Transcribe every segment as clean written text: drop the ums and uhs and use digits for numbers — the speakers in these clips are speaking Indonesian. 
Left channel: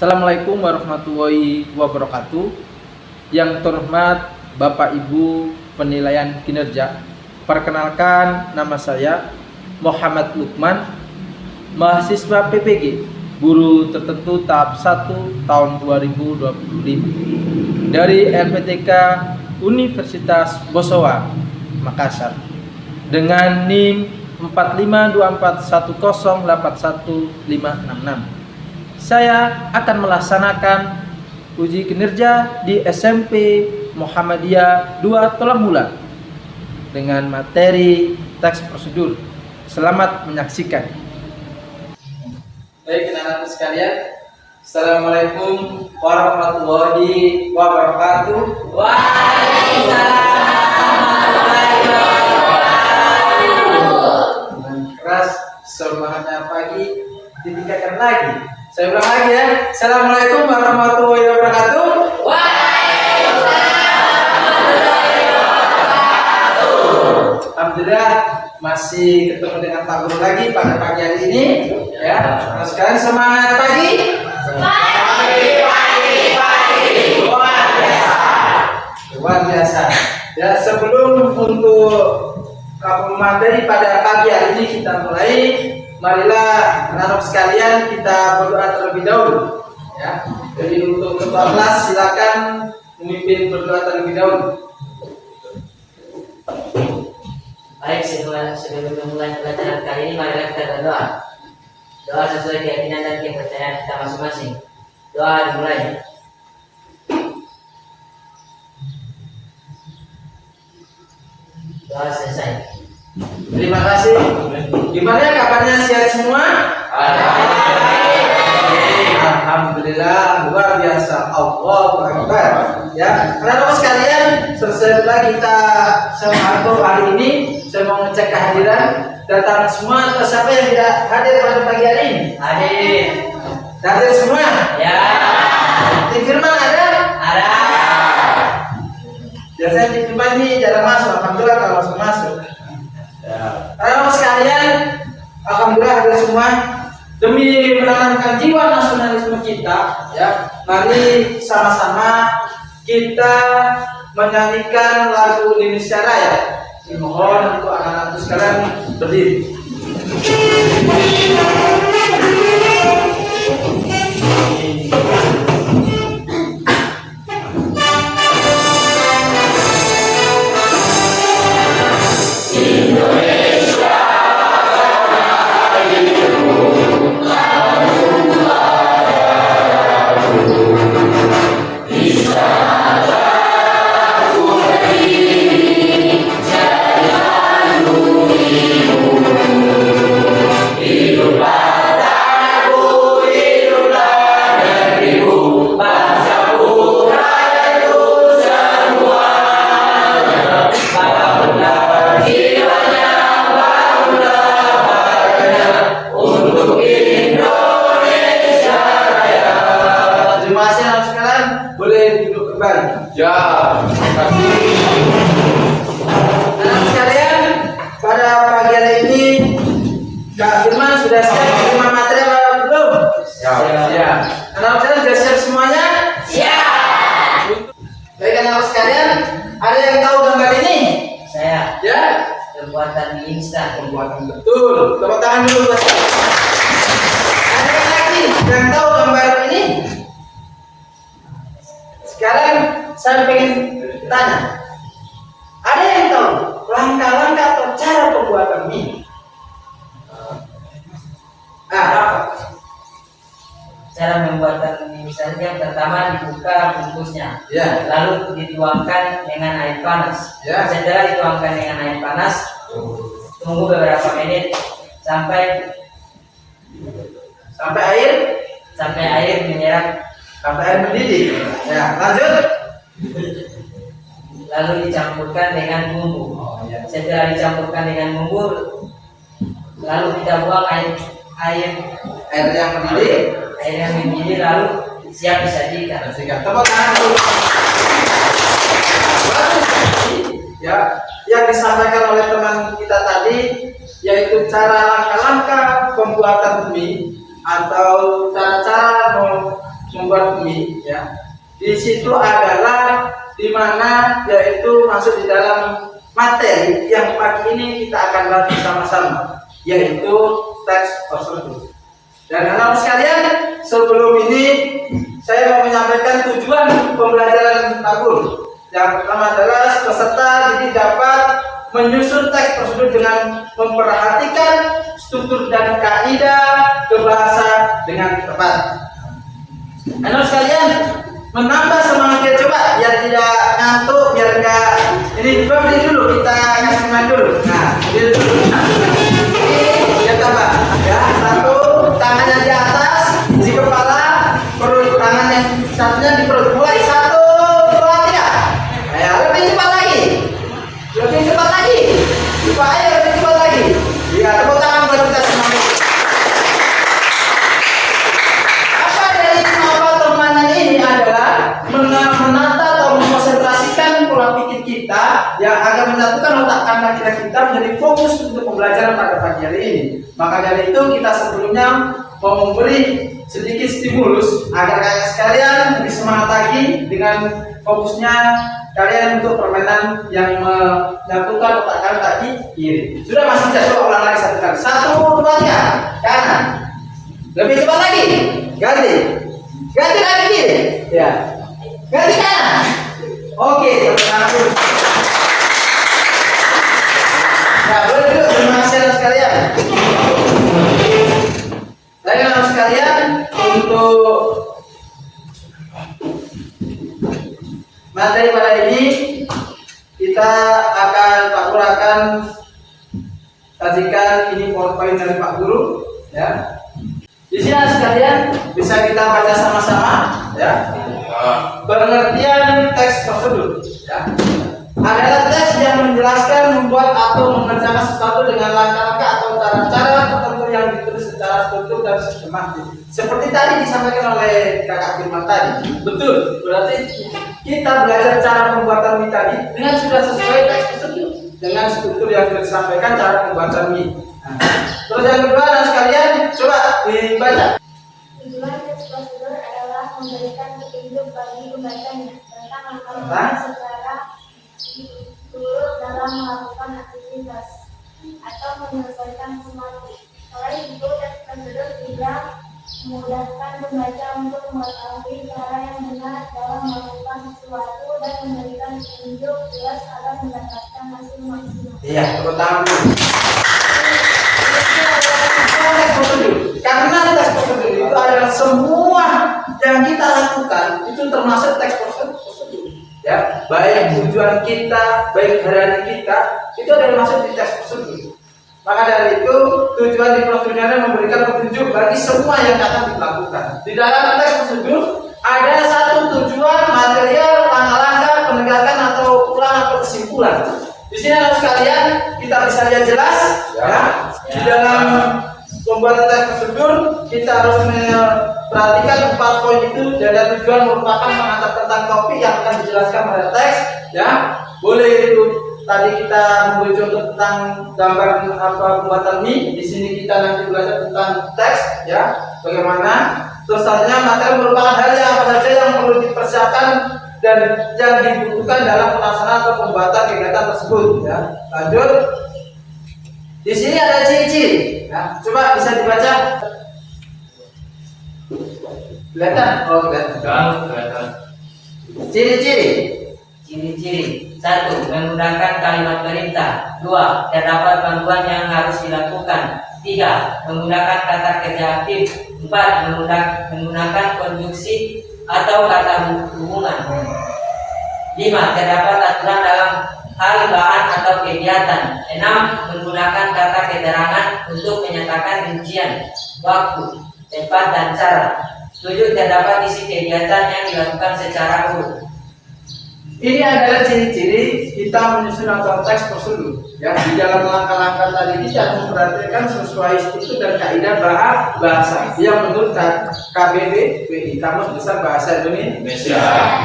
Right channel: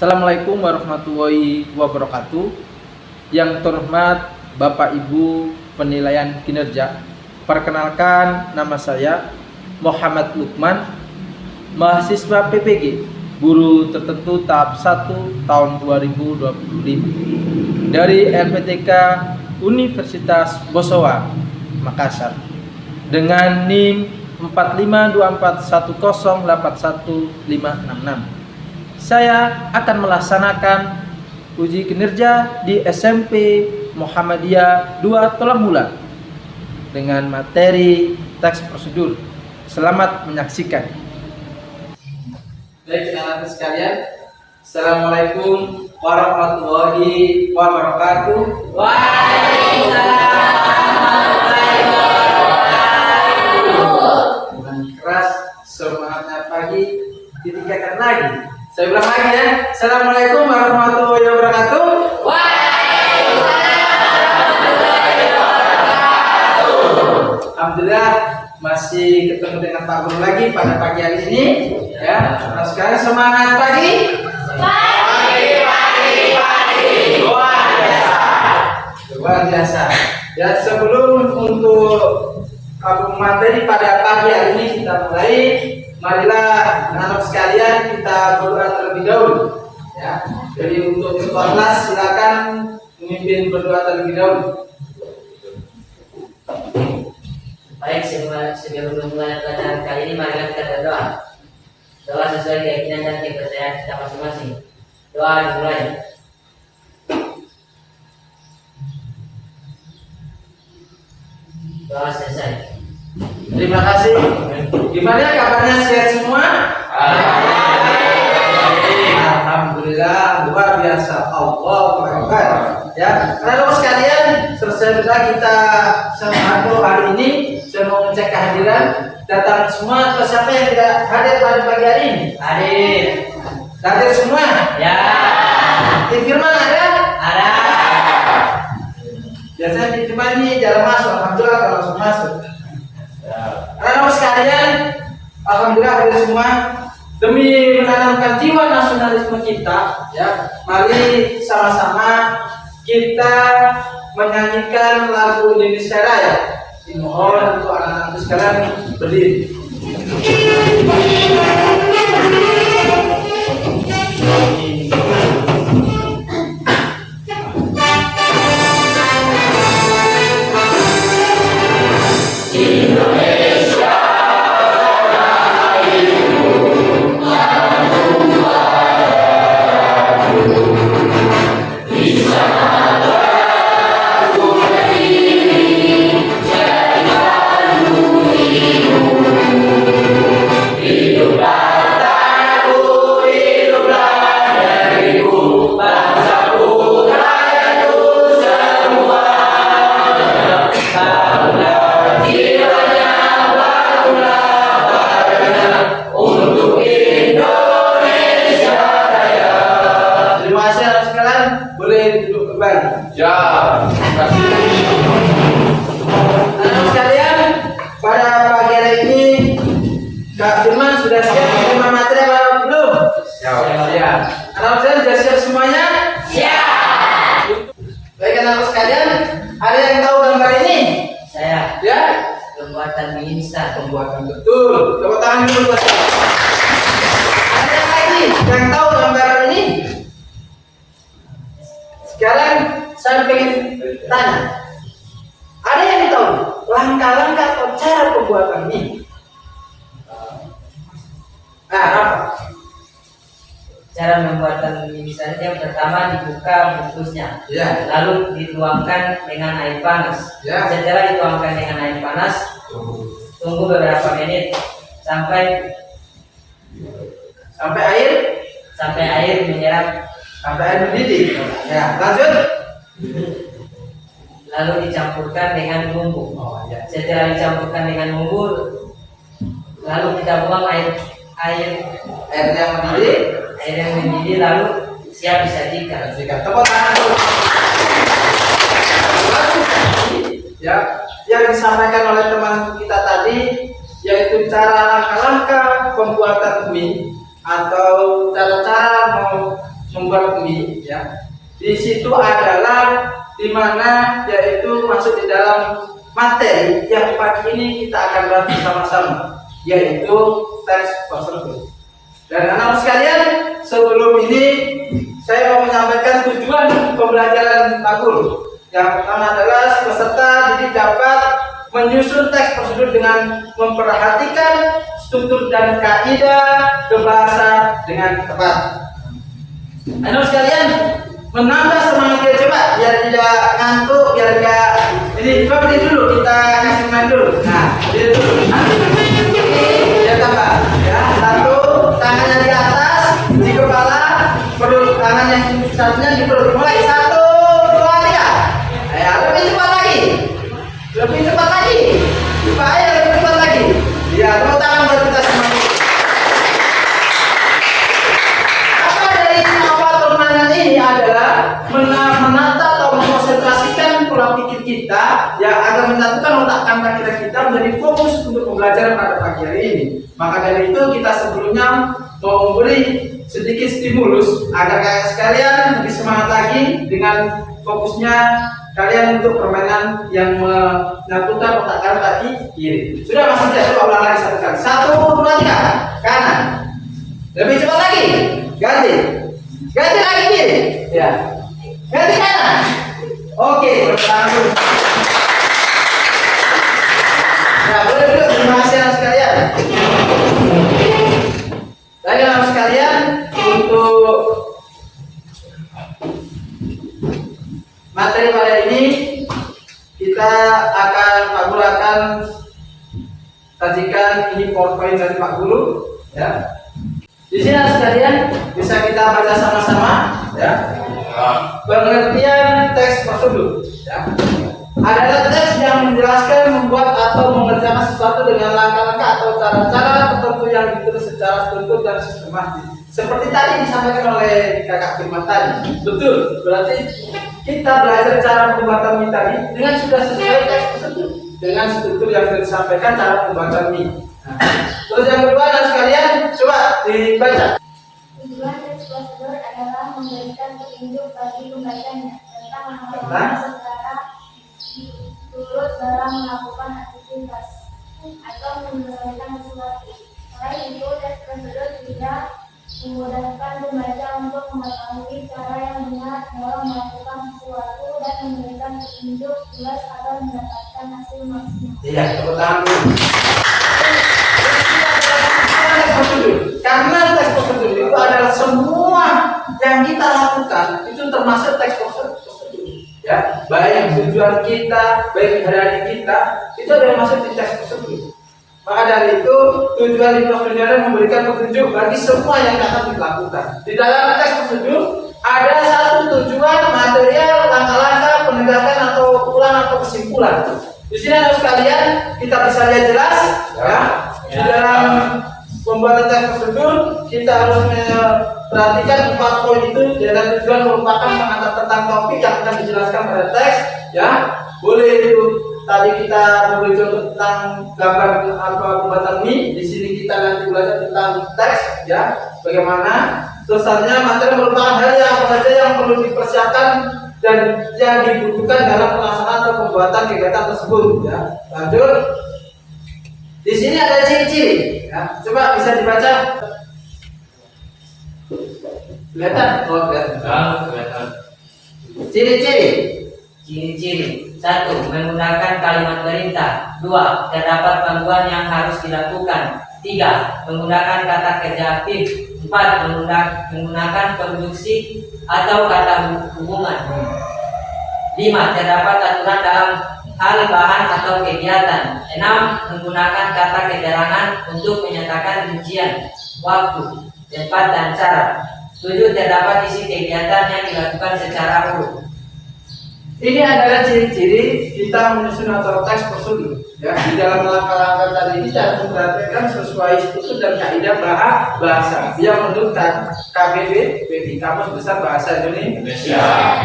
Assalamualaikum warahmatullahi wabarakatuh. Yang terhormat Bapak Ibu penilaian kinerja, perkenalkan nama saya Muhammad Lukman, mahasiswa PPG, guru tertentu tahap 1 tahun 2025 dari LPTK Universitas Bosowa, Makassar, dengan NIM 45241081566. Saya akan melaksanakan uji kinerja di SMP Muhammadiyah 2 Tolamula dengan materi teks prosedur. Selamat menyaksikan. Baik, anak-anak sekalian, Assalamualaikum warahmatullahi wabarakatuh. Waalaikumsalam warahmatullahi wabarakatuh. Dengan keras semangatnya pagi ditingkatkan lagi. Saya ulang lagi ya. Assalamualaikum warahmatullahi wabarakatuh. Waalaikumsalam warahmatullahi wabarakatuh. Alhamdulillah masih ketemu dengan Pak Guru lagi pada pagi hari ini ya. Nah, sekarang semangat pagi. Luar biasa. Ya, sebelum untuk materi pada pagi hari ini kita mulai, marilah anak sekalian kita berdoa terlebih dahulu ya. Jadi untuk ketua kelas silakan memimpin berdoa terlebih dahulu. Baik, sebelum memulai pelajaran kali ini, marilah kita berdoa. Doa sesuai keyakinan dan kepercayaan kita masing-masing. Doa dimulai. Doa selesai. Terima kasih. Gimana kabarnya, sehat semua? Alhamdulillah, luar biasa. Allahu Akbar. Ya, teman-teman sekalian, selesai sudah kita sama hari ini. Saya mau ngecek kehadiran. Datang semua atau siapa yang tidak hadir pada pagi hari ini? Hadir. Hadir semua? Ya. Di Firman ada? Ada. Biasanya di Firman ini jarang masuk. Alhamdulillah kalau masuk. Teman-teman sekalian, alhamdulillah hadir semua. Demi menanamkan jiwa nasionalisme kita, ya, mari sama-sama kita menyanyikan lagu Indonesia Raya. Dimohon untuk anak-anak sekalian berdiri. Anak sekalian, pada pagi hari ini Kak Firman sudah siap menerima materi apa belum? Siap. Anak sekalian sudah siap semuanya? Siap. Baik anak sekalian, ada yang tahu gambar ini? Saya. Ya? Pembuatan mie instan. Pembuatan betul. Tepuk tangan dulu buat saya. Ada yang lagi yang tahu gambar ini? Sekarang saya ingin tanya, ada yang tahu langkah-langkah atau cara pembuatan mie? Apa? Cara pembuatan mie instan yang pertama dibuka bungkusnya, Ya. lalu dituangkan dengan air panas. Ya. Setelah dituangkan dengan air panas, tunggu beberapa menit sampai air menyerap, Sampai air mendidih. Ya, lanjut. lalu dicampurkan dengan bumbu. Ya. Setelah dicampurkan dengan bumbu, lalu kita buang air Air yang mendidih. lalu siap disajikan. Tepuk tangan dulu. Ya, yang disampaikan oleh teman kita tadi yaitu cara langkah-langkah pembuatan mie atau cara-cara membuat mie, ya. Di situ adalah di mana yaitu masuk di dalam materi yang pagi ini kita akan bahas bersama-sama, yaitu teks prosedur. Dan anak-anak sekalian, sebelum ini saya mau menyampaikan tujuan pembelajaran Pak Guru. Yang pertama adalah peserta didik dapat menyusun teks prosedur dengan memperhatikan struktur dan kaidah berbahasa dengan tepat. Anak sekalian, menambah semangatnya, coba biar tidak ngantuk, biar enggak ini, coba berdiri dulu, kita kasih main dulu. Nah, berdiri dulu. Biar tambah, ya. Satu, tangannya di atas, di kepala, perut, tangan yang satunya di perut. Mulai 1, 2, 3. Ya, lebih cepat lagi. Lebih cepat lagi. Supaya lebih cepat lagi. Ya, tepuk tangan buat kita semua. Apa dari apa permainan ini adalah menata atau mengkonsentrasikan pola pikir kita yang agar menyatukan otak kanan kita menjadi fokus untuk pembelajaran pada pagi hari ini. Maka dari itu kita sebelumnya mau memberi sedikit stimulus agar kalian sekalian lebih semangat lagi dengan fokusnya kalian untuk permainan yang menyatukan otak kalian tadi kiri. Sudah Mas Ija, coba ulang lagi satu kali. 1, 2, 3. Kanan. Lebih cepat lagi. Ganti. Ganti lagi kiri. Ya. Ganti kanan. Oke, pertama dulu. Nah, boleh dulu, terima kasih anak sekalian. Baik anak sekalian, untuk materi pada ini kita akan, Pak Guru akan sajikan ini PowerPoint dari Pak Guru, ya. Di sini anak sekalian bisa kita baca sama-sama, ya. Pengertian teks prosedur, ya, adalah teks yang menjelaskan, membuat atau mengerjakan sesuatu dengan langkah-langkah atau cara-cara tertentu yang ditulis secara struktur dan sistematis. Seperti tadi disampaikan oleh Kakak Firman tadi, betul. Berarti kita belajar cara pembuatan mie tadi dengan sudah sesuai teks prosedur, dengan struktur yang sudah disampaikan cara pembuatan mie. Nah, terus yang kedua, dan sekalian coba dibaca. Tujuan teks prosedur adalah memberikan petunjuk bagi pembacanya tentang langkah-langkah secara turut dalam melakukan aktivitas atau menyelesaikan sesuatu. Selain itu, teks prosedur juga memudahkan pembaca untuk mengetahui cara yang benar dalam melakukan sesuatu dan memberikan petunjuk jelas agar mendapatkan hasil maksimal. Iya, tepuk tangan dulu. Teks prosedur. Karena teks prosedur itu adalah semua yang kita lakukan itu termasuk teks prosedur. Ya, baik tujuan kita, baik hari kita, itu adalah masuk di teks prosedur. Maka dari itu tujuan di prosedur adalah memberikan petunjuk bagi semua yang akan dilakukan. Di dalam teks prosedur ada satu tujuan, material, langkah-langkah, penegakan atau ulang atau kesimpulan. Di sini anak sekalian kita bisa lihat jelas, ya. Di dalam pembuatan teks prosedur kita harus perhatikan 4 poin itu. Dan tujuan merupakan pengantar tentang topik yang akan dijelaskan pada teks, ya. Boleh itu tadi kita memberi contoh tentang gambar apa pembuatan mie. Di sini kita nanti belajar tentang teks, ya, bagaimana. Terus selanjutnya materi merupakan hal yang apa saja yang perlu dipersiapkan dan yang dibutuhkan dalam pelaksanaan atau pembuatan kegiatan tersebut, ya. Lanjut. Di sini ada ciri-ciri, ya. Coba bisa dibaca. Kelihatan? Oh, kelihatan. Ciri-ciri. Ciri-ciri: 1. Menggunakan kalimat perintah. 2. Terdapat panduan yang harus dilakukan. 3. Menggunakan kata kerja aktif. 4. Menggunakan konjungsi atau kata hubungan. 5. Terdapat aturan dalam hal bahan atau kegiatan. 6. Menggunakan kata keterangan untuk menyatakan rincian, waktu, tempat, dan cara. 7. Terdapat isi kegiatan yang dilakukan secara urut. Ini adalah ciri-ciri kita menyusun atau teks prosedur, ya. Di dalam langkah-langkah tadi kita memperhatikan sesuai struktur dan kaidah bahasa yang menurut KBB BI, Kamus Besar Bahasa Indonesia.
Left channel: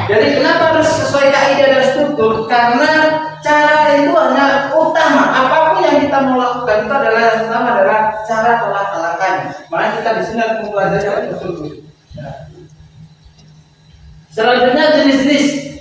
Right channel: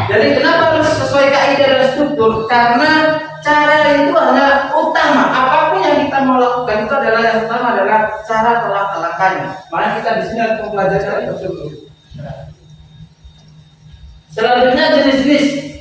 Jadi kenapa harus sesuai kaidah dan struktur? Karena cara itu hanya utama. Apapun yang kita mau lakukan itu adalah yang utama adalah cara atau langkah-langkahnya. Makanya kita di sini harus mempelajari prosedur.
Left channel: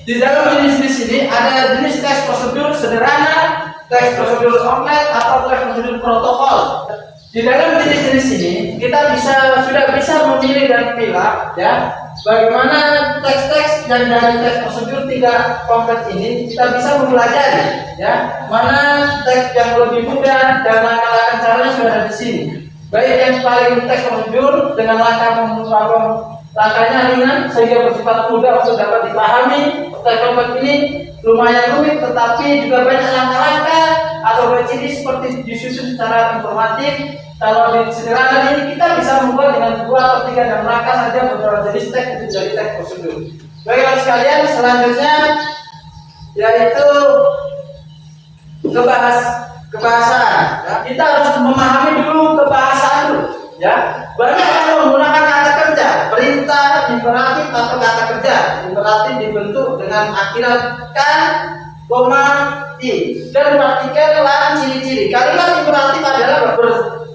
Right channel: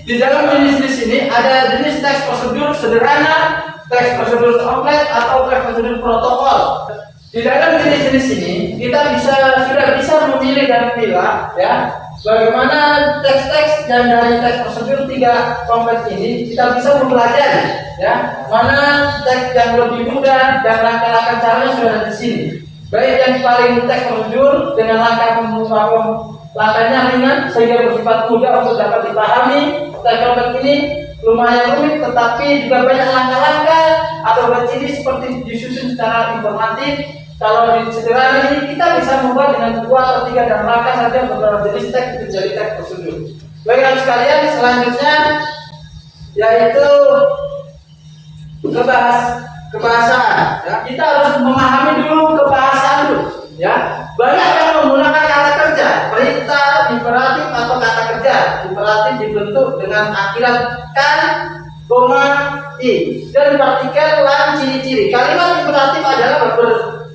Di dalam jenis-jenis ini ada jenis teks prosedur sederhana, teks prosedur komplit, atau teks prosedur protokol. Di dalam jenis-jenis ini kita sudah bisa memilih dan pilah ya bagaimana teks-teks dan dari teks prosedur 3 komplit ini kita bisa mempelajari ya mana teks yang lebih mudah dan langkah-langkah caranya sudah ada di sini. Baik yang paling teks prosedur dengan langkahnya ringan sehingga bersifat mudah untuk dapat dipahami. Teks komplit ini lumayan rumit tetapi juga banyak langkah-langkah atau berciri seperti disusun secara informatif. Kalau di sederhana ini kita bisa membuat dengan 2 atau 3 dan langkah saja beberapa jenis teks itu jadi teks prosedur. Baiklah sekalian, selanjutnya yaitu kebahasaan. Ya, kita harus memahami dulu kebahasaan dulu. Ya, banyak yang menggunakan kata kerja, perintah, imperatif atau kata kerja. Imperatif dibentuk dengan akhirat kan, koma, i dan partikel lan ciri-ciri. Kalimat imperatif adalah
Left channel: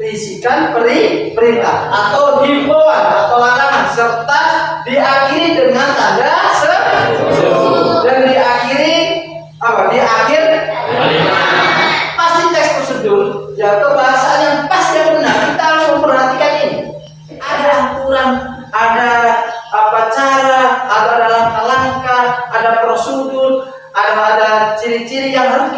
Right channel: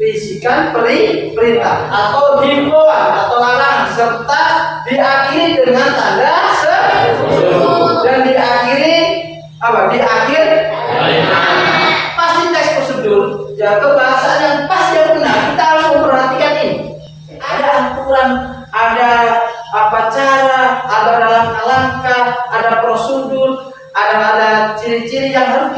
berisikan perintah atau himbauan atau larangan serta diakhiri dengan tanda seru dan diakhiri apa? Di akhir pasti teks prosedur ya kebahasaan yang pas yang benar kita harus memperhatikan ini. Ada aturan, ada apa cara, ada langkah-langkah, ada prosedur, ada ciri-ciri yang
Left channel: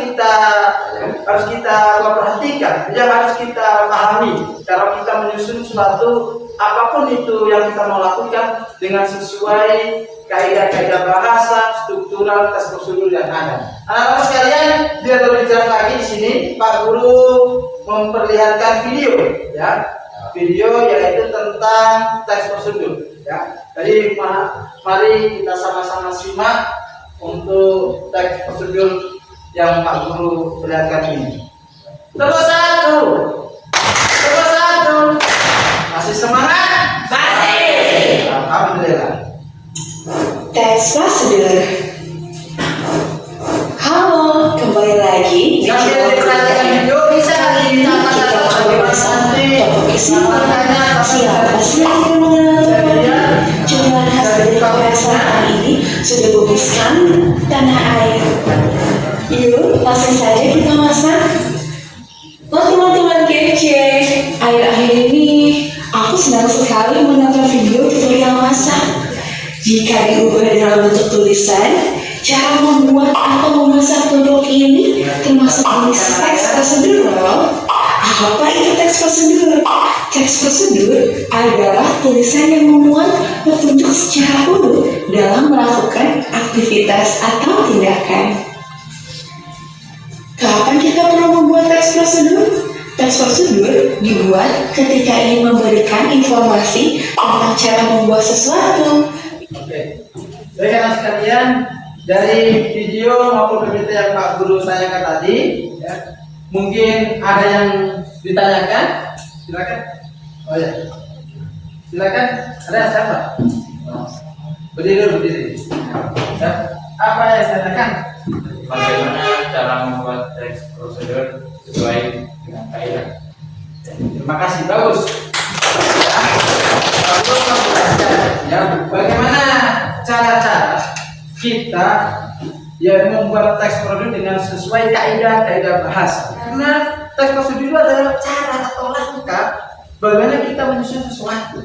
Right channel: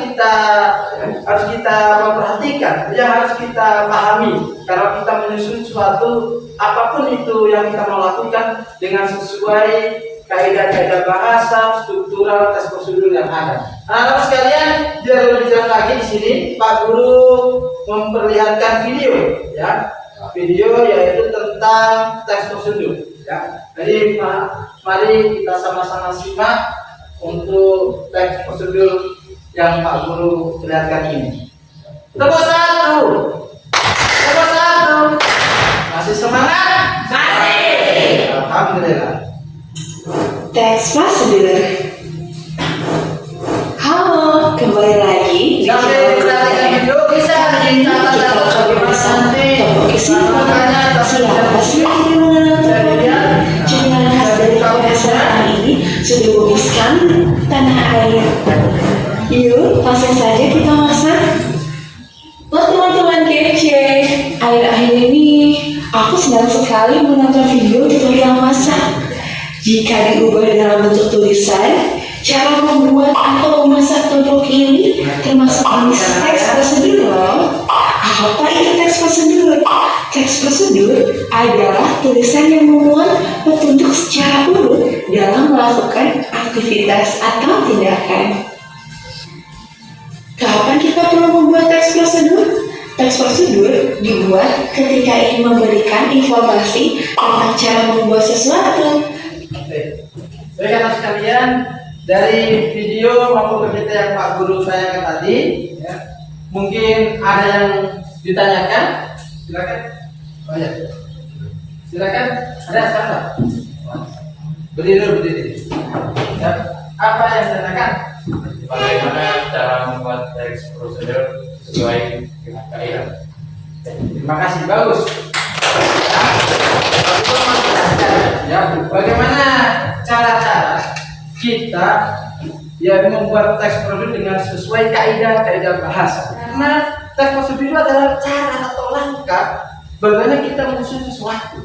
harus kita perhatikan, yang harus kita pahami kalau kita menyusun suatu apapun itu yang kita mau lakukan dengan sesuai kaidah-kaidah bahasa, struktural, teks prosedur yang ada. Anak-anak sekalian, biar lebih jelas lagi di sini Pak Guru memperlihatkan video, ya, video yaitu tentang teks prosedur, ya. Jadi mari kita sama-sama simak untuk teks prosedur yang Pak Guru perlihatkan ini. Nomor 1. Masih semangat? Masih. Alhamdulillah. Teks prosedur. Halo, kembali lagi. Sambil perhatikan video bisa dicatat Kita coba bersama topik kesimpulan. Siapa sih yang mengenal cemilan khas dari Korea ini sudah bubuhkan tanah air. Yuk, langsung saja kita masak. Wah, teman-teman kece, akhir-akhir ini aku senang sekali menonton video tutorial masak. Jika diubah dalam bentuk tulisan, cara membuat atau memasak tutuk ini termasuk jenis teks prosedur loh. Apa itu teks prosedur? Teks prosedur adalah tulisan yang memuat petunjuk secara urut dalam melakukan aktivitas atau tindakan. Kapan kita perlu membuat teks prosedur? Teks prosedur dibuat ketika ingin memberikan informasi tentang cara membuat sesuatu. Oke. Baik anak sekalian, dari video maupun PPT yang Pak Guru tanyakan tadi, ya, mungkin ada yang ditanyakan. Silakan. Oh ya. Silakan. Ada siapa? Berdiri. Ya. Apa yang ditanyakan? Bagaimana cara membuat teks prosedur sesuai dengan kaidah? Terima kasih, bagus. Ya, bagaimana cara-cara kita ya membuat teks prosedur dengan sesuai kaidah bahasa? Karena teks prosedur itu adalah cara atau langkah bagaimana kita menyusun sesuatu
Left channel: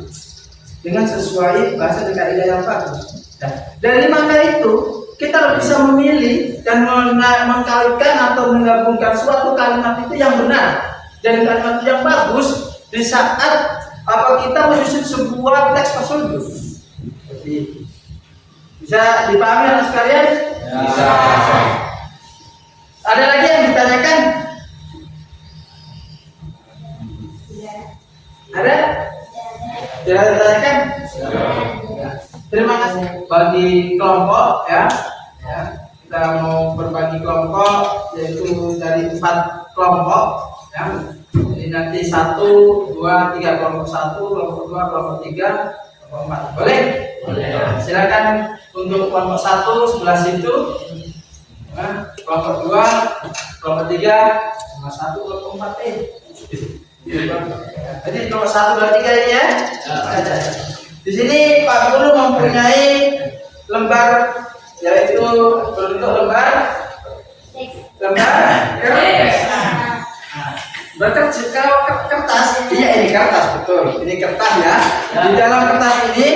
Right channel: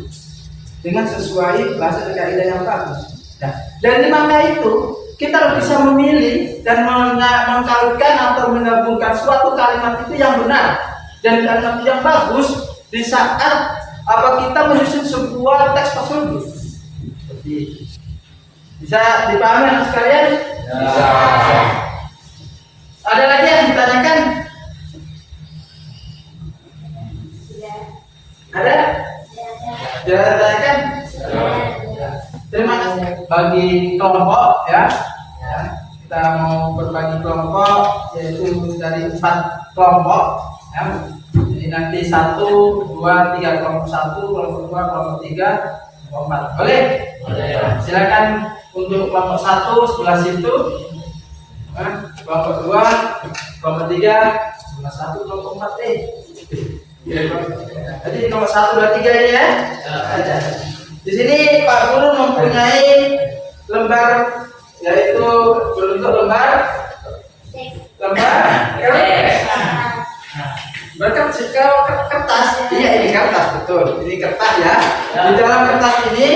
dengan sesuai bahasa dan kaidah yang bagus. Nah, dari langkah itu kita bisa memilih dan mengkaitkan atau menggabungkan suatu kalimat itu yang benar dan kalimat yang bagus di saat kita menyusun sebuah teks prosedur. Seperti bisa dipahami anak sekalian? Bisa. Ada lagi yang ditanyakan? Ada? Tidak ditanyakan? Ya. Terima kasih bagi kelompok ya. Kita mau berbagi kelompok yaitu dari 4 kelompok ya. Jadi nanti 1, 2, 3 kelompok 1, kelompok 2, kelompok 3, kelompok 4. Boleh? Boleh. Silakan untuk kelompok 1 sebelah situ. Kelompok 2, kelompok 3, sebelah 1, kelompok 4. Jadi nomor 1, 2, 3 ini ya. Di sini Pak Guru mempunyai lembar yaitu berbentuk lembar kertas. Kalau kertas, iya ini kertas betul, ini kertas ya. Di dalam kertas ini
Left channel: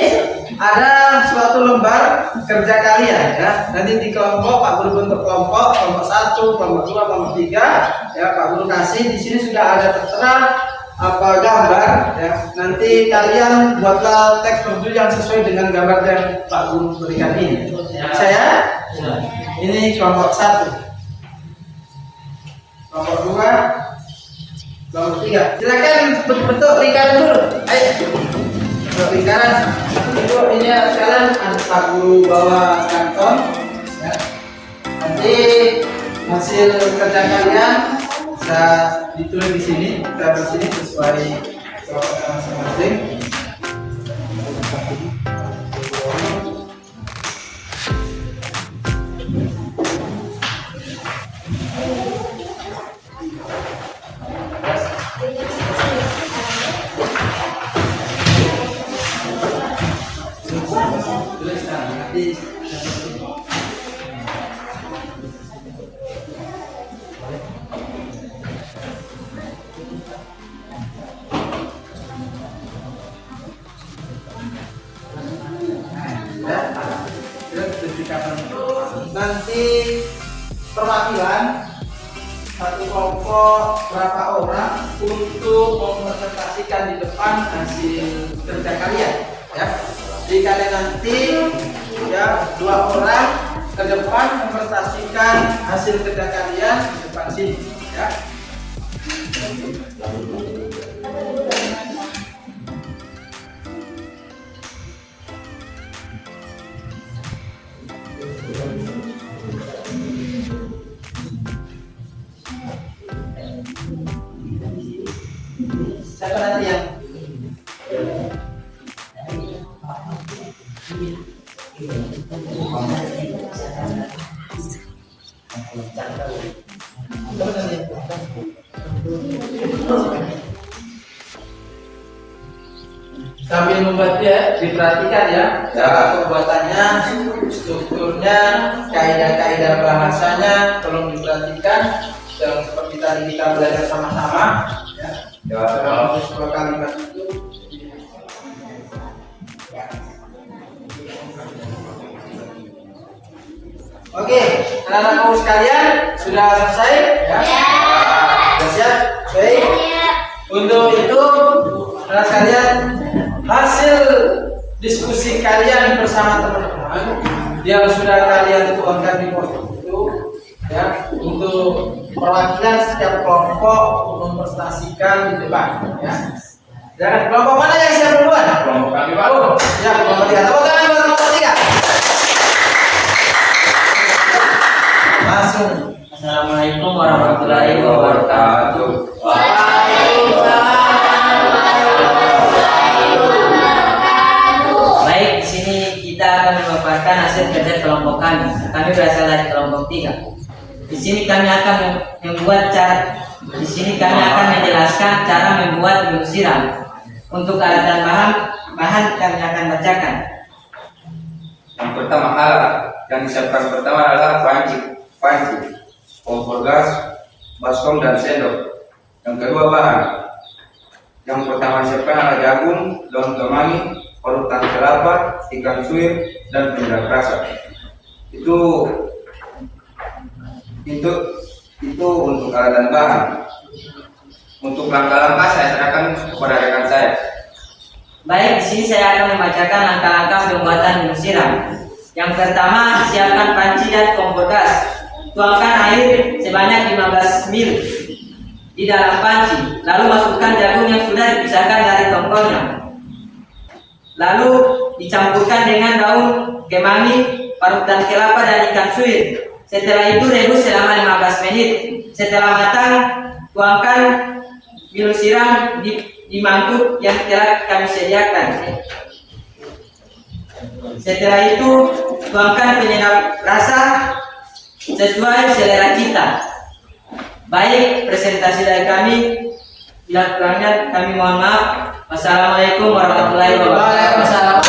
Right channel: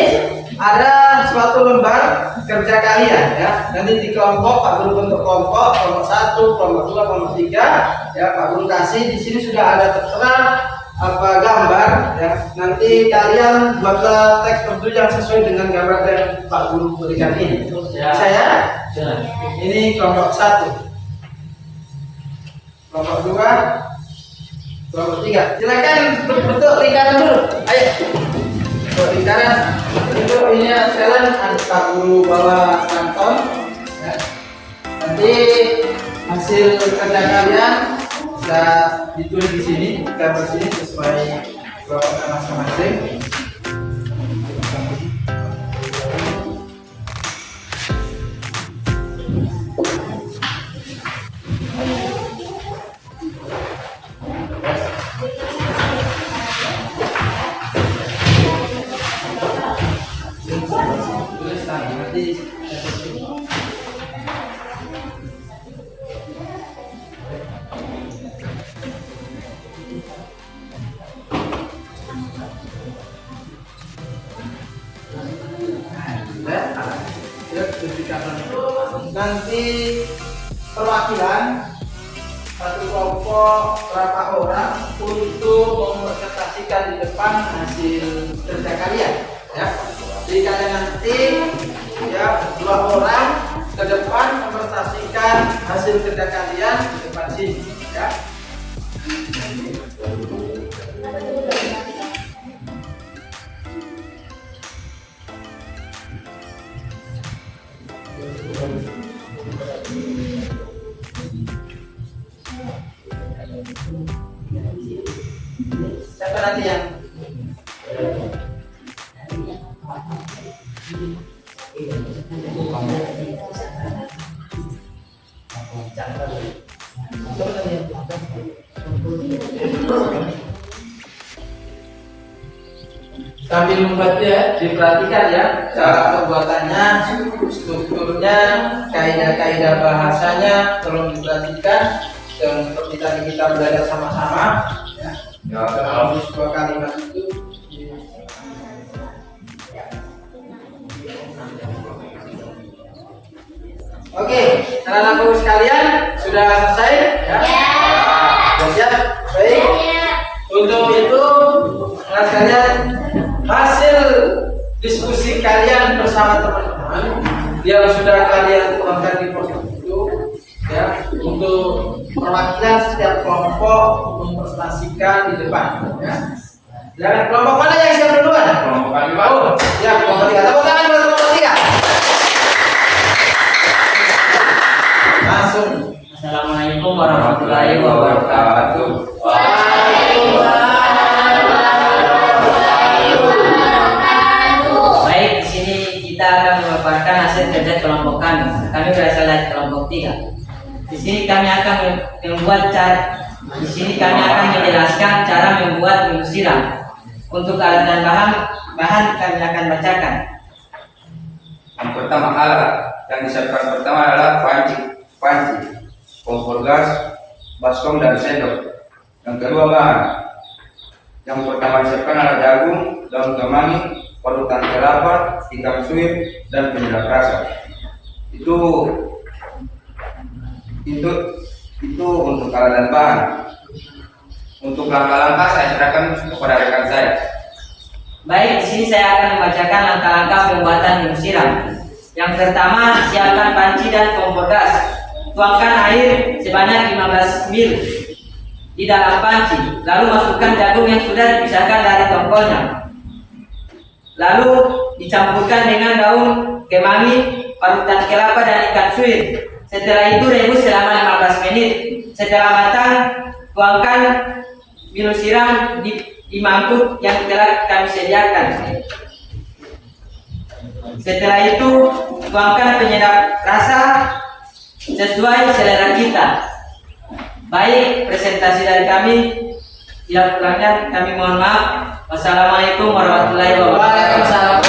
ada suatu lembar kerja kalian ya. Nanti di kelompok Pak Guru bentuk kelompok 1, kelompok 2, kelompok 3 ya. Pak Guru kasih di sini sudah ada tertera apa gambar ya. Nanti kalian buatlah teks perdu yang sesuai dengan gambar yang Pak Guru berikan ini. Saya ini kelompok 1, kelompok 2, kelompok 3. Silakan bentuk lingkaran dulu. Ayo. Bentuk lingkaran. Itu ini sekalian Pak Guru bawa kanton ya. Nanti hasil kerja kalian bisa ditulis di sini, gambar sini sesuai kelompok masing-masing. Nanti perwakilan satu kelompok berapa orang untuk merepresentasikan di depan hasil kerja kalian ya. Jadi kalian nanti ya 2 orang ke depan merepresentasikan hasil kerja kalian di depan sini ya. Siapa nanti yang sambil membuat ya, diperhatikan ya cara pembuatannya, strukturnya, kaidah-kaidah bahasanya, tolong diperhatikan dan seperti tadi kita belajar sama-sama ya. Dalam sebuah kalimat itu oke, anak-anakku sekalian sudah selesai ya? Sudah siap? Baik. Untuk itu anak sekalian, hasil diskusi kalian bersama teman-teman yang sudah kalian tuangkan di pos itu ya, untuk perwakilan setiap kelompok mempresentasikan di depan ya. Jangan kelompok mana yang siap duluan? Kelompok kami, Pak. Oh, ya kelompok 3. Tepuk tangan buat kelompok 3. Langsung. Assalamualaikum warahmatullahi wabarakatuh. Baik, di sini kita akan memaparkan hasil kerja kelompok kami. Kami berasal dari kelompok 3. Di sini kami akan menjelaskan cara membuat minum siram. Untuk alat dan bahan kami akan bacakan. Yang pertama alat yang disiapkan pertama adalah panci, kompor gas, baskom dan sendok. Yang kedua bahan. Yang pertama disiapkan adalah jagung, daun kemangi, parutan kelapa, ikan suwir dan penyedap rasa. Itu untuk alat dan bahan. Untuk langkah-langkah saya serahkan kepada rekan saya. Baik, di sini saya akan membacakan langkah-langkah pembuatan minum siram. Yang pertama, siapkan panci dan kompor gas. Tuangkan air sebanyak 15 ml di dalam panci. Lalu masukkan jagung yang sudah dipisahkan dari tongkolnya. Lalu dicampurkan dengan daun kemangi, parutan kelapa dan ikan suwir. Setelah itu rebus selama 15 menit. Setelah matang, tuangkan minum siram di mangkuk yang telah kami sediakan. Setelah itu, tuangkan penyedap rasa sesuai selera kita. Baik, presentasi dari kami. Bila kurangnya kami mohon maaf. Wassalamualaikum warahmatullahi wabarakatuh. Waalaikumsalam.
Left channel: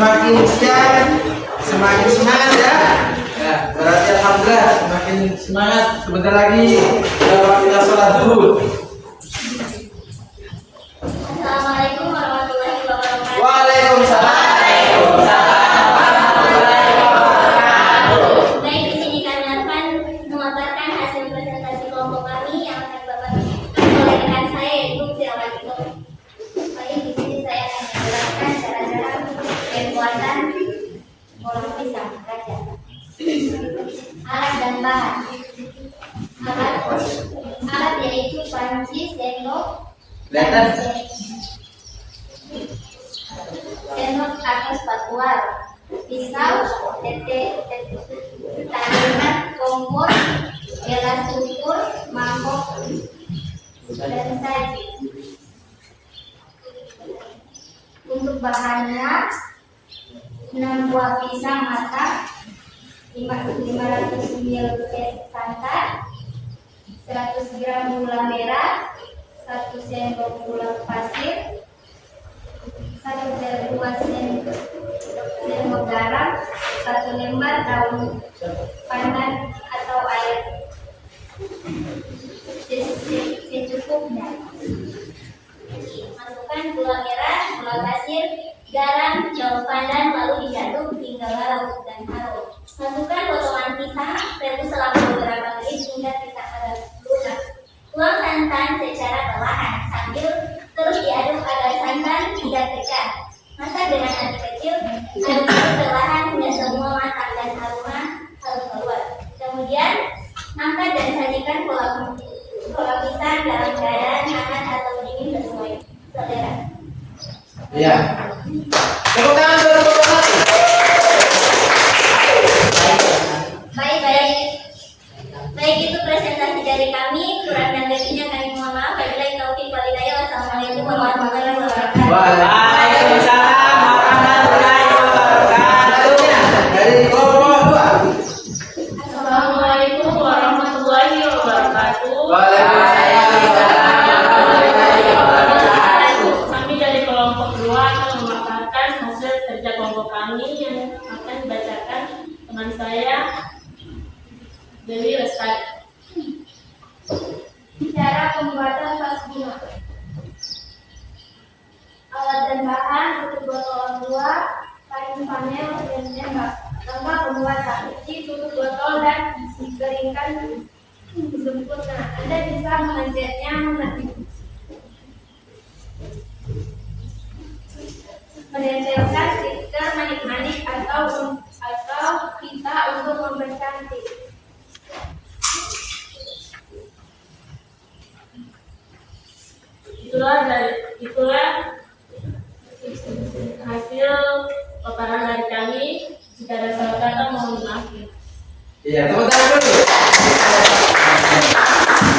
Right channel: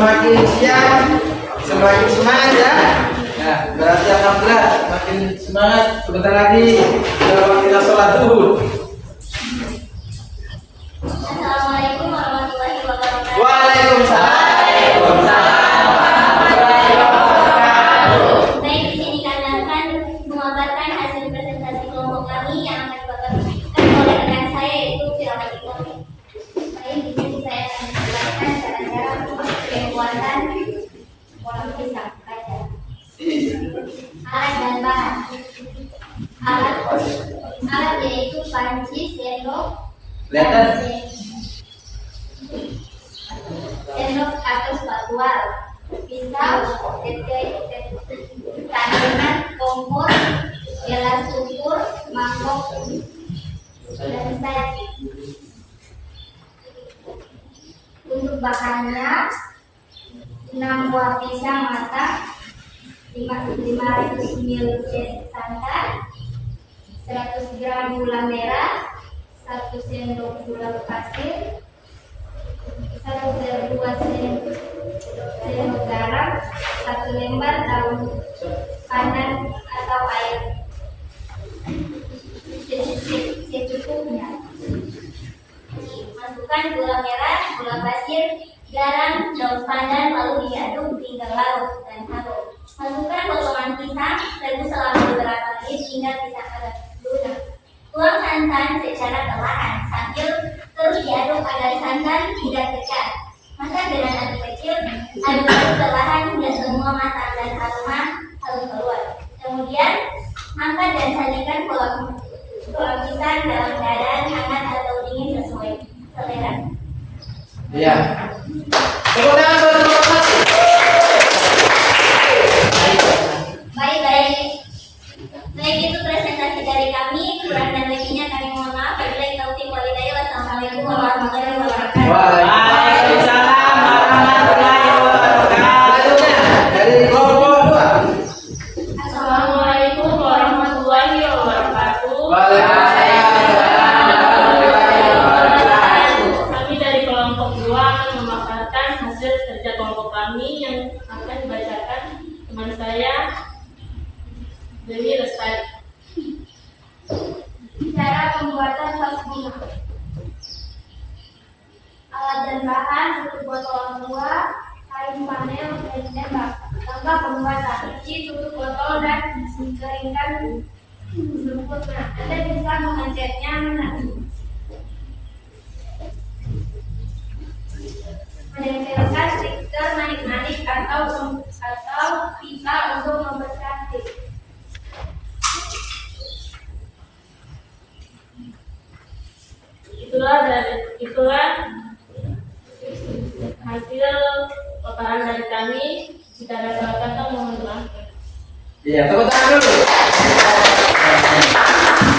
semakin siang semakin semangat ya. Ya, berarti alhamdulillah semakin semangat. Sebentar lagi waktunya sholat zuhur. Assalamualaikum warahmatullahi wabarakatuh. Waalaikumsalam. Baik, di sini kami akan memaparkan hasil presentasi kelompok kami yang akan dipaparkan oleh rekan saya yaitu Firamatikon. Baik, di sini saya akan menjelaskan cara-cara pembuatan kolam pisang kaca. Alat dan bahan. Alat yaitu panci, sendok, Kelihatan? sendok atau spatula, pisau, tandingan, kompor, gelas ukur, mangkok, dan saji. Untuk bahannya 6 buah pisang matang, 500 ml santan, 100 gram gula merah, 1 sendok gula pasir, 2 sendok garam, 1 lembar daun pandan atau air secukupnya. Masukkan gula merah, gula pasir, garam, daun pandan, lalu diaduk hingga larut dan harum. Masukkan potongan pisang, rebus selama beberapa menit hingga pisang agak lunak. Tuang santan secara perlahan sambil terus diaduk agar santan tidak pecah. Masak dengan api kecil, aduk perlahan hingga semua matang dan aroma harum keluar. Kemudian angkat dan sajikan kolam pisang dalam keadaan hangat atau dingin sesuai selera. Iya. Tepuk tangan buat kelompok 1. Baik, itu presentasi dari kami. Kurang dan lebihnya kami mohon maaf. Wabillahi taufiq wal hidayah. Wassalamualaikum warahmatullahi wabarakatuh. Waalaikumsalam warahmatullahi wabarakatuh. Dari kelompok 2. Assalamualaikum warahmatullahi wabarakatuh. Kami dari kelompok 2 akan memaparkan hasil kerja kelompok kami yang akan dibacakan teman saya Dewi Lestari. Cara pembuatan vas bunga. Alat dan bahan: tutup botol buah, kain panel, dan tembak. Langkah pembuatan: cuci, tutup botol dan dikeringkan sempurna. Anda bisa mengecatnya menempelkan stiker manik-manik atau pita untuk mempercantik. Itulah hasil paparan dari kami. Jika ada salah kata mohon maaf. Iya, tepuk tangan dulu.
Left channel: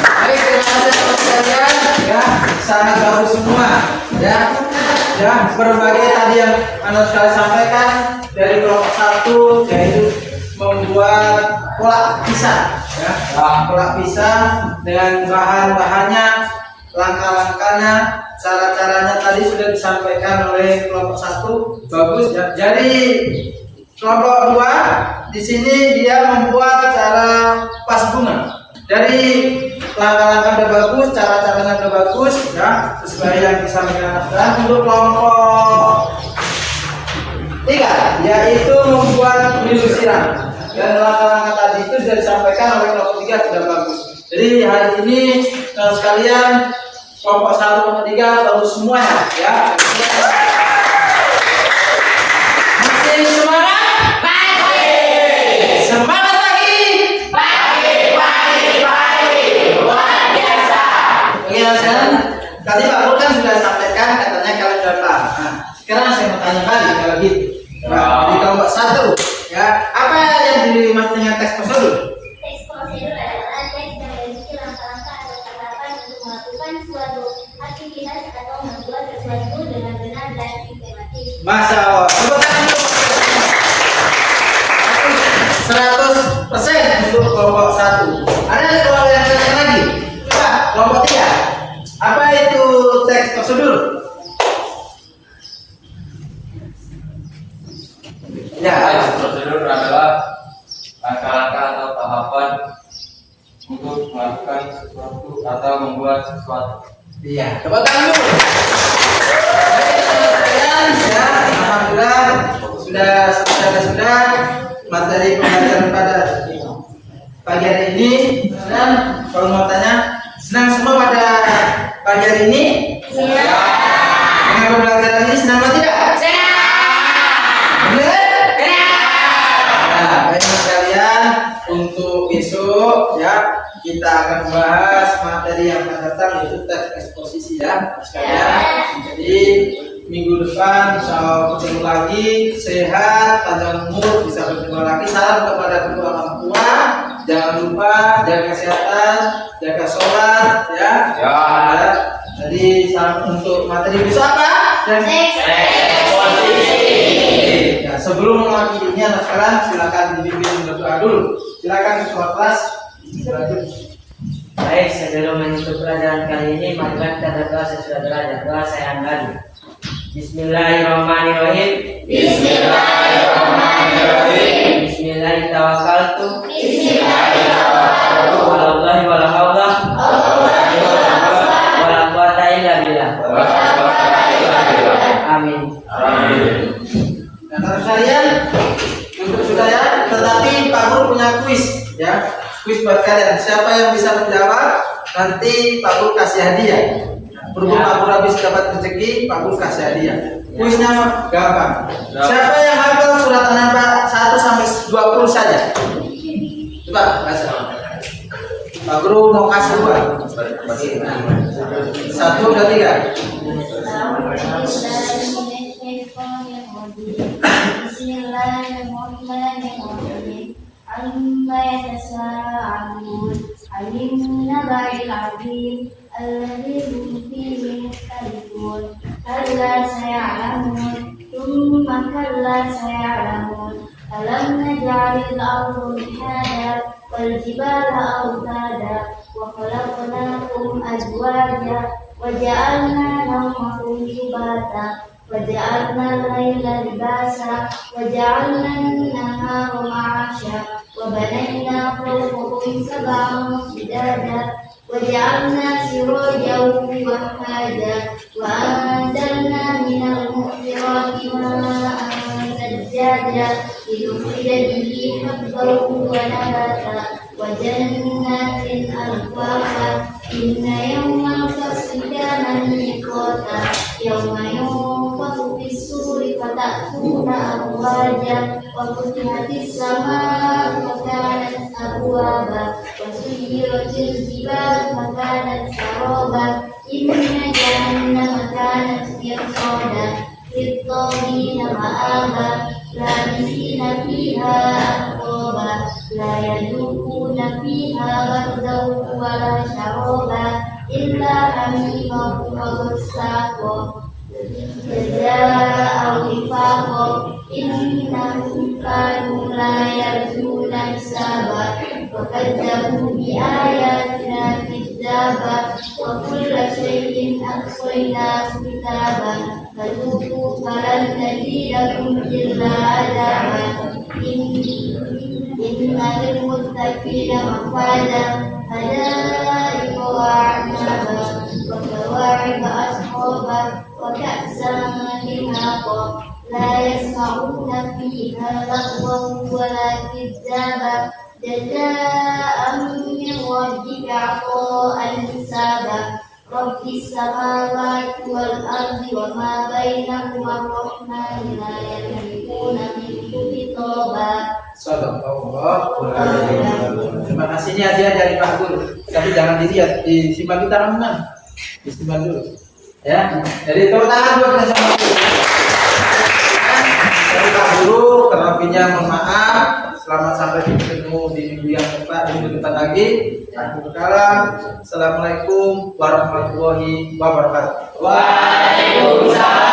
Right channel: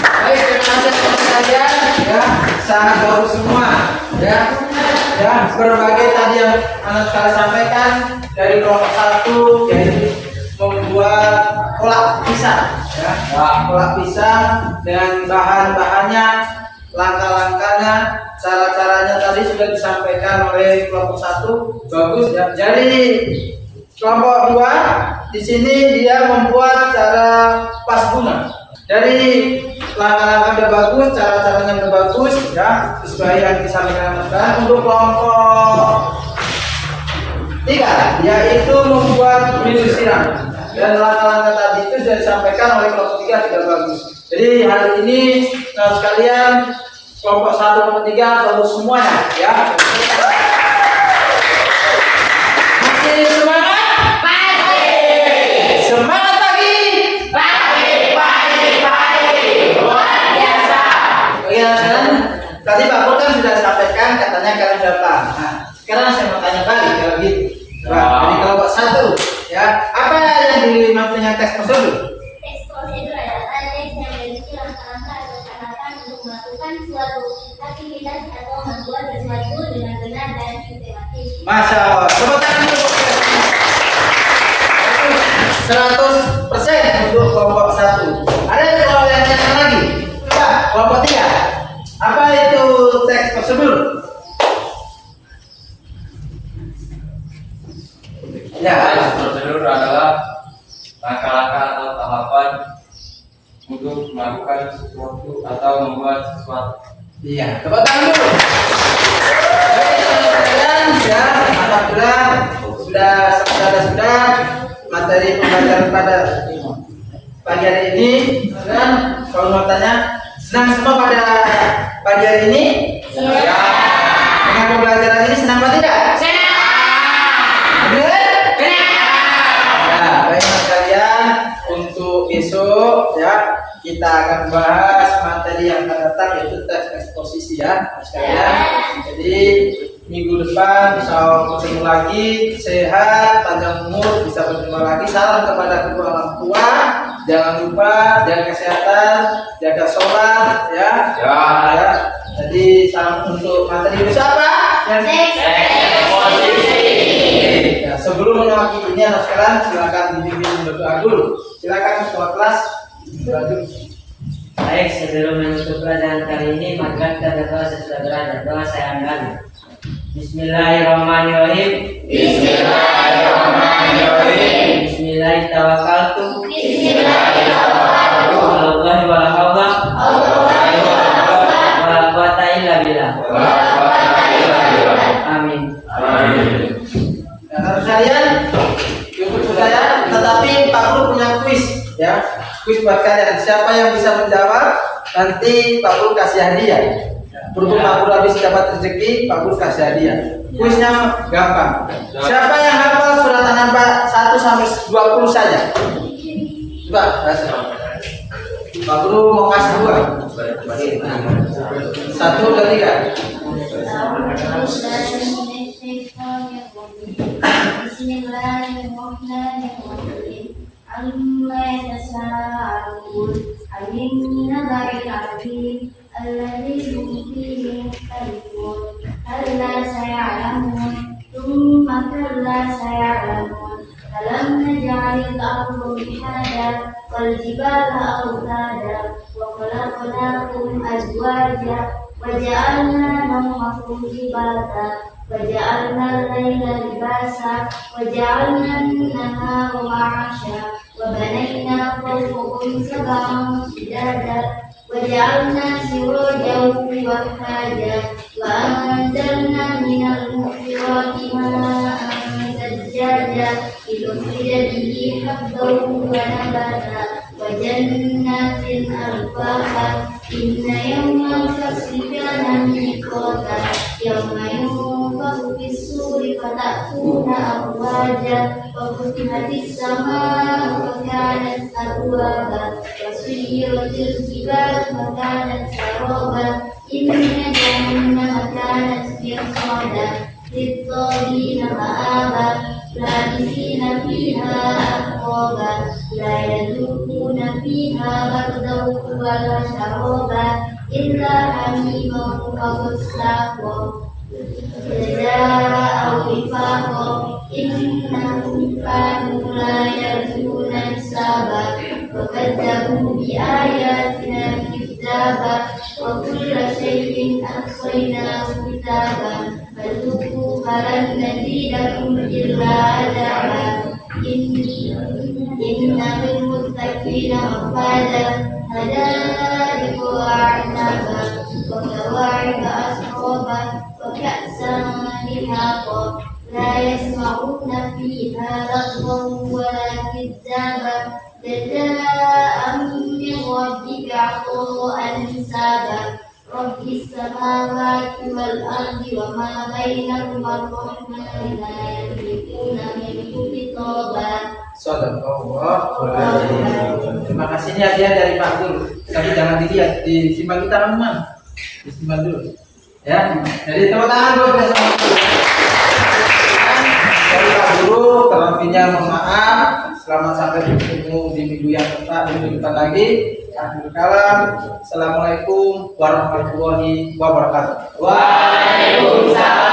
Baik, terima kasih teman-teman sekalian. Ya, sangat bagus semua. Ya, berbagai tadi yang Anda sekali sampaikan dari kelompok 1 yaitu membuat kolak pisang. Ya, kolak pisang dengan bahan-bahannya, langkah-langkahnya, cara-caranya tadi sudah disampaikan oleh kelompok 1. Bagus ya. Jadi kelompok 2 di sini dia membuat cara vas bunga. Dari langkah-langkah udah bagus, cara-caranya udah bagus ya, sesuai yang disampaikan. Dan untuk kelompok 3 yaitu membuat milu siram. Dan langkah-langkah tadi itu sudah disampaikan oleh kelompok 3 sudah bagus. Jadi hari ini teman sekalian kelompok 1 kelompok 3 bagus semuanya ya. Masih semangat? Semangat lagi. Luar biasa. Oke, sekarang tadi Pak Pur kan sudah sampaikan katanya kalian sudah paham. Nah, sekarang saya mau tanya kali kalau gitu. Nah, dari kelompok 1 ya, apa yang dimaksud dengan teks prosedur? Teks prosedur adalah teks yang berisi langkah-langkah atau tahapan untuk melakukan suatu aktivitas atau membuat sesuatu dengan benar dan sistematis. Masya Allah. Tepuk tangan dulu. 100% untuk kelompok 1. Ada kelompok yang lain lagi? Coba kelompok 3. Apa itu teks prosedur? Ya. Next prosedur adalah langkah-langkah atau tahapan untuk melakukan sesuatu atau membuat sesuatu. Iya, tepuk tangan dulu. Baik, teman-teman, ya, alhamdulillah sudah materi pembelajaran pada pagi hari ini. Dan kalau mau tanya, senang semua pada pagi hari ini? Iya. Dengan pembelajaran ini senang atau tidak? Benar? Nah, baik sekalian, untuk besok ya kita akan bahas materi yang akan datang yaitu teks eksposisi ya sekalian. Jadi minggu depan insya Allah ketemu lagi, sehat, panjang umur, bisa bertemu lagi. Salam kepada kedua orang tua, jangan lupa jaga kesehatan, jaga sholat ya. Ya. Jadi salam untuk materi besok apa? Ya, sebelum mengakhirinya anak sekarang silakan dibimbing berdoa dulu. Silakan ketua kelas berdoa dulu. Baik, sebelum menutup pelajaran kali ini, maka kita berdoa sesudah belajar. Doa saya andali. Bismillahirrahmanirrahim. Bismillahirrahmanirrahim. Bismillahirrahmanirrahim. Wallahi wala haula wala quwata illa billah. Amin. Nah, teman sekalian, cukup sudah ya. Tetapi Pak Guru punya kuis ya. Kuis buat kalian. Siapa yang bisa menjawab, nanti Pak Guru kasih hadiah. Berhubung Pak Guru habis dapat rezeki, Pak Guru kasih hadiah. Kuisnya gampang. Siapa yang hafal surat An-Naba 1 sampai 20 saja? Coba baca. Pak Guru mau kasih dua. 1, 2, 3. Bismillahirrahmanirrahim. Amma yatasaalun 'anil naba'il 'azim alladzi hum fihi mukhtalifun. Kalla saya'lamun, thumma kalla saya'lamun. Alam naj'alil arda mihada wal jibala awtada wa khalaqnakum azwaja wa ja'alna nawmakum subata wa ja'alna al-laila libasa wa ja'alna an-nahara ma'asha wa banayna fawqakum sab'an shidada wa ja'alna sirajan wahhaja wa anzalna minal mu'thirati ma'an sajjaja linukhrija bihi habban wa nabata wa jannatin alfafa inna yawmal fasli kana miqata yawma yunfakhu fis-suri fatakuna afwaja wa futihatis samaa'u fakanat abwaba wa suyyiratil jibalu fakanat saraba inna jahannama kanat mirsada lit-taghina ma'aba labithina fiha ahqaba la yadukuna fiha bardan wala sharaba illa hamiman wa ghassaqa jazaa'an wifaqa innahum kanu la yarjuna hisaba wa kadzabu bi ayatina kidzaba wa kulla shay'in ahsaynahu kitaban fadhuqu falan nazidakum illa adzaban inna lil muttaqina mafaza hadaiqa wa a'naba wa kawa'iba asqaba wa ka'san dihaqa la yasma'una fiha lagwan wa la kidzaba jazaa'an min rabbika 'ata'an hisaba rabbis samawati wal ardi wa ma bainahuma ar-rahmanu la yamlikuna minhu khitaba. Terima kasih, ini hadiah dari Pak Guru. Tapi jangan dilihat, disimpan di tangan teman. Disimpan dulu. Ya. Jadi tepuk tangan buat bersama. Dari Pak Guru, terlebihnya mohon maaf. Selamat sampai bertemu di minggu depan lagi. Akhirul kalam. Assalamualaikum warahmatullahi wabarakatuh. Waalaikumsalam.